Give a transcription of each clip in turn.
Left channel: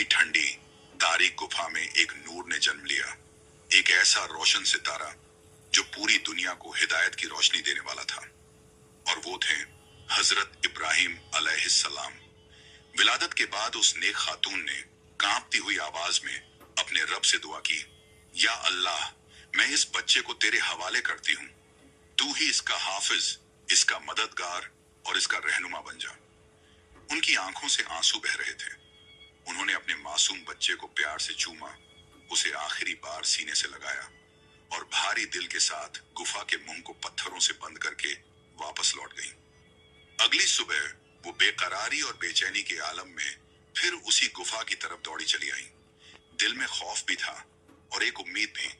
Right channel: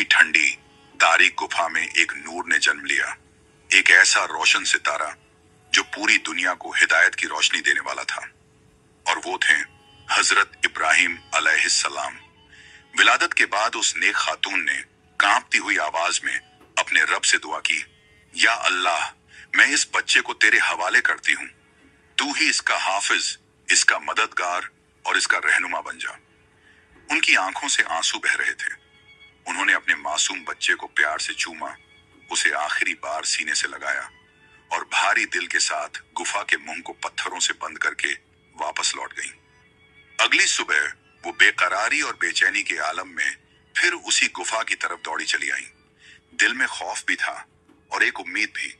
उसी ठंडी तारीक गुफा में एक नूर ने जन्म लिया, एक ऐसा रोशन सितारा जो पूरी दुनिया को हिदायत की रोशनी देने वाला था। और वो थे हजरत इब्राहिम अलैहिस्सलाम। विलादत के बाद उस नेक खातून ने कांपती हुई आवाज में अपने रब से दुआ की, या अल्लाह, मैं इस बच्चे को तेरे हवाले करती हूँ। तू ही इसका हाफिज, इसका मददगार और इसका रहनुमा बन जा। उनकी आंखों से आंसू बह रहे थे। उन्होंने अपने मासूम बच्चे को प्यार से चूमा, उसे आखिरी बार सीने से लगाया और भारी दिल के साथ गुफा के मुंह को पत्थरों से बंद करके वापस लौट गईं। अगली सुबह वो बेकरारी और बेचैनी के आलम में फिर उसी गुफा की तरफ दौड़ी चली आईं। दिल में खौफ भी था और एक उम्मीद भी।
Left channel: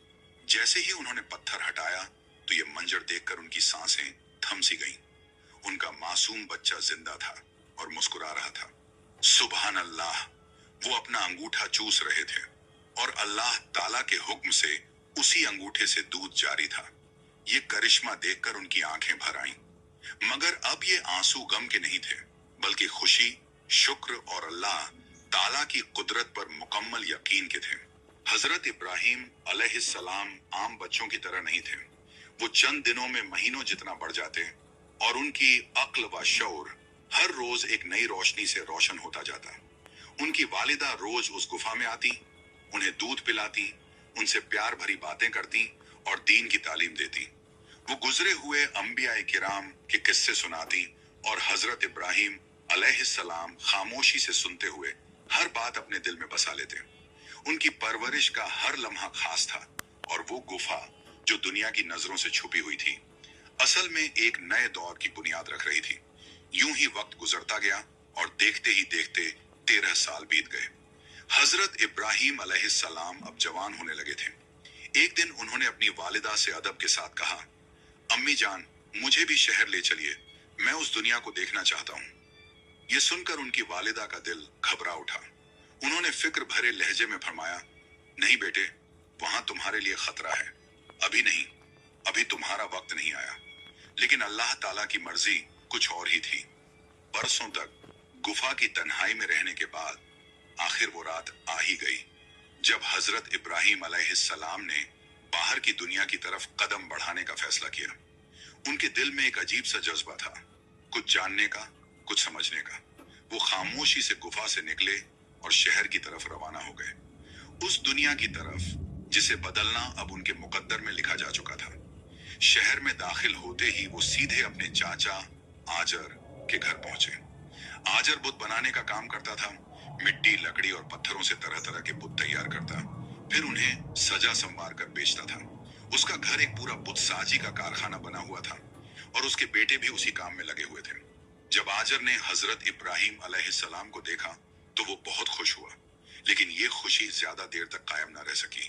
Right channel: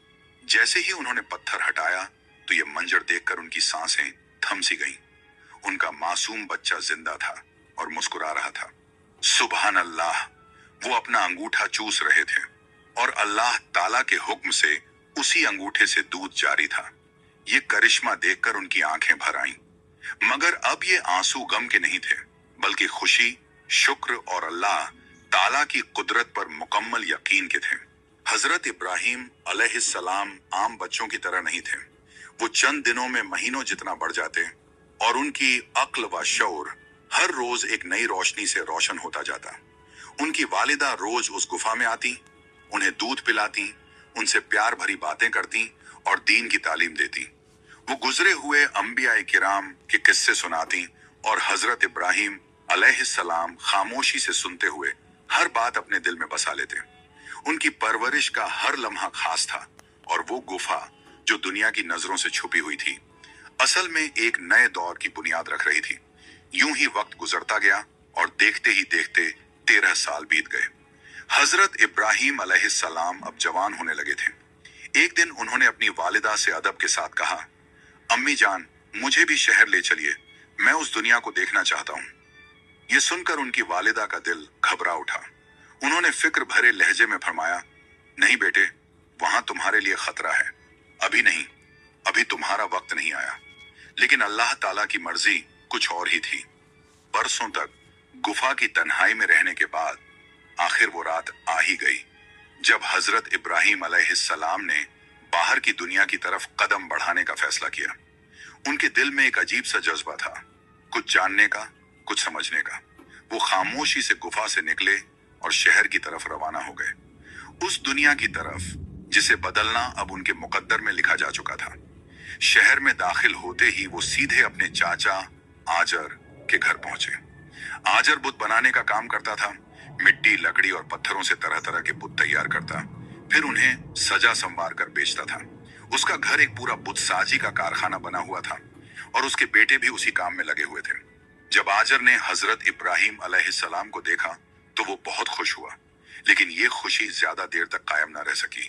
जैसे ही उन्होंने पत्थर हटाया तो ये मंजर देखकर उनकी सांसें थम सी गईं। उनका मासूम बच्चा जिंदा था और मुस्कुरा रहा था। सुभान अल्लाह, वो अपना अंगूठा चूस रहे थे और अल्लाह ताला के हुक्म से उसी अंगूठे से दूध जारी था। ये करिश्मा देखकर उनकी आंखें भर आईं। मगर अब ये आंसू गम के नहीं थे, बल्कि खुशी, शुक्र और अल्लाह ताला की कुदरत पर मुकम्मल यकीन के थे। हजरत इब्राहिम अलैहिस्सलाम आम बच्चों की तरह नहीं थे। वो चंद दिनों में महीनों जितना बढ़ जाते और उनकी अक्ल व शऊर हर रोज एक नई रोशनी से रोशन होता जाता। उनकी वालिदा रोज उस गुफा में आती, उन्हें दूध पिलाती, उनसे प्यार भरी बातें करती और दीन की तालीम देती। वो गुजरे हुए अंबिया किराम के किस्से सुनाती और हजरत इब्राहिम अलैहिस्सलाम खामोशी से सुनते हुए हर बात अपने दिल में बसा लेते। उनकी परवरिश का हर लम्हा खास था और वो गुफा जो दुनिया की नजरों से छुपी हुई थी, असल में एक नए दौर की बुनियाद रख रही थी। यूं ही वक्त गुजरता गया और देखते ही देखते 13 साल बीत गए। हजरत इब्राहिम अलैहिस्सलाम अब जवान होने लगे थे। एक दिन उन्होंने अपनी वालिदा से अदब के साथ कहा, अम्मी जान, मुझे भी शहर ले चलिए, मैं उस दुनिया को देखना चाहता हूँ। ये सुनकर उनकी वालिदा का दिल घबरा उठा। उन्होंने फिक्र भरे लहजे में फरमाया, नहीं बेटे, वहां तुम्हारे लिए खतरा है। अभी नहीं, अभी तुम्हारा वक्त नहीं आया। लेकिन अल्लाह ताला की मर्जी कुछ और ही थी। बरसों तक गुफा की तन्हाई में रहने के बाद आखिर वो रात आ ही गई, जब हजरत इब्राहिम अलैहिस्सलाम ने बाहर की दुनिया की तरफ कदम बढ़ाने का फैसला किया। उनके दिल में एक अजीब सा जज्बा था, कुछ जानने का, कुछ समझने का। वो खामोशी से गुफा से निकले और शहर की तरफ रवाना हो गए, उस दुनिया की तरफ जिसे बदलना अब उनके मुकद्दर में लिखा जा चुका था। शहर में दाखिल होते ही वो सीधे अपने चाचा आजर के घर पहुंचे। आजर बुत बनाने का काम करता था। मिट्टी, लकड़ी और पत्थरों से तरह तरह के बुत तैयार करता, फिर उन्हें सजा संवार कर बेचता था। उसका घर एक पूरा बुत साजी का कारखाना बना हुआ था और उसके बेटे भी उसी काम में लगे हुए थे। जब आजर ने हजरत इब्राहिम अलैहिस्सलाम को देखा तो वो बहुत खुश हुआ, लेकिन ये खुशी ज्यादा देर तक कायम न रह सकी।